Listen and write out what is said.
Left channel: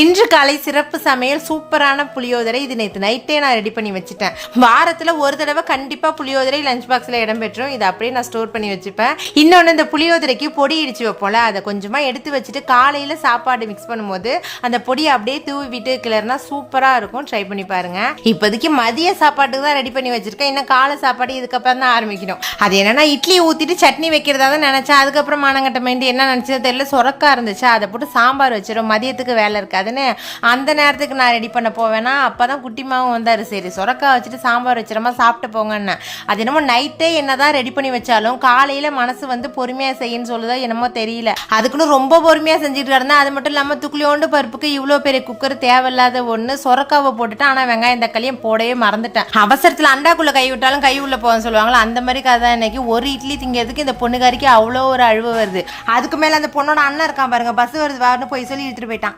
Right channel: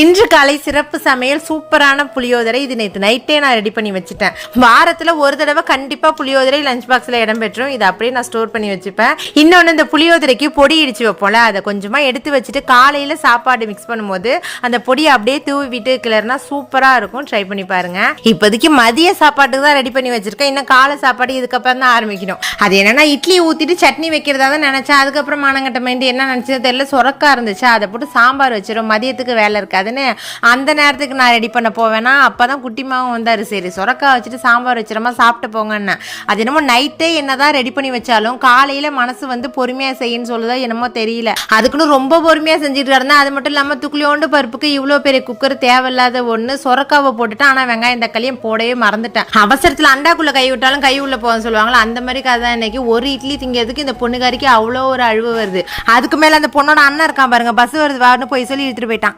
இன்று காலை சிறப்பு சமையல் சூப்பரான புளியோதரை இது நேற்று நைட்டே நான் ரெடி பண்ணி வச்சுட்டேன். வாரத்தில் ஒரு தடவை கண்டிப்பாக புளியோதரை லஞ்ச் பாக்ஸில் இடம்பெற்றும் இதை அப்படியே நான் ஸ்டோர் பண்ணி வச்சுப்பேன். இன்னொன்று இந்த புளியோதரைக்கு பொடி இடிச்சு வைப்போம்ல அதை கொஞ்சமாக எடுத்து வச்சுட்டு காலையில் சாப்பாடு மிக்ஸ் பண்ணும்போது அந்த பொடியை அப்படியே தூவி விட்டு கிளறினா சூப்பராக இருக்கும். ட்ரை பண்ணி பாருங்க. இப்போதைக்கு மதிய சாப்பாட்டுக்கு தான் ரெடி பண்ணி வச்சிருக்கேன். இன்னும் காலை சாப்பாடு இதுக்கப்புறம் தான் ஆரம்பிக்கணும். அது என்னன்னா இட்லி ஊற்றிட்டு சட்னி வைக்கிறதா தான் நினச்சேன். அதுக்கப்புறம் மானங்கட்ட மைண்டு என்ன நினச்சது தெரியல சொரக்கா இருந்துச்சு. அதை போட்டு சாம்பார் வச்சிடும் மதியத்துக்கு வேலை இருக்காது. முடியாதுன்னு அந்த நேரத்துக்கு நான் ரெடி பண்ண போவேன்னா அப்போ தான் குட்டிமாவும் வந்தார். சரி சுரக்கா வச்சுட்டு சாம்பார் வச்சிடமா சாப்பிட்டு போங்கன்னு. அது என்னமோ நைட்டே என்னதான் ரெடி பண்ணி வச்சாலும் காலையில் மனசு வந்து பொறுமையாக செய்யன்னு சொல்லுதோ என்னமோ தெரியல. அதுக்குன்னு ரொம்ப பொறுமையாக செஞ்சுட்டு இருந்தேன் அது மட்டும் இல்லாமல் துக்குளியோண்டு பருப்புக்கு இவ்வளோ பெரிய குக்கர் தேவையில்லாத ஒன்று சொரக்காவை போட்டுட்டு ஆனால் வெங்காயம் தக்காளியும் போடவே மறந்துட்டேன். அவசரத்தில் அண்டாக்குள்ளே கை விட்டாலும் கை உள்ள போகன்னு சொல்லுவாங்களா அந்த மாதிரி கதை இன்னைக்கு. ஒரு இட்லி திங்கிறதுக்கு இந்த பொண்ணுக்காரிக்கு அவ்வளோ ஒரு அழுவு வருது. அதுக்கு மேலே அந்த பொண்ணோட அண்ணன் இருக்கான் பாருங்க பஸ் வருது வான்னு போய் சொல்லி இழுத்துட்டு போயிட்டான்.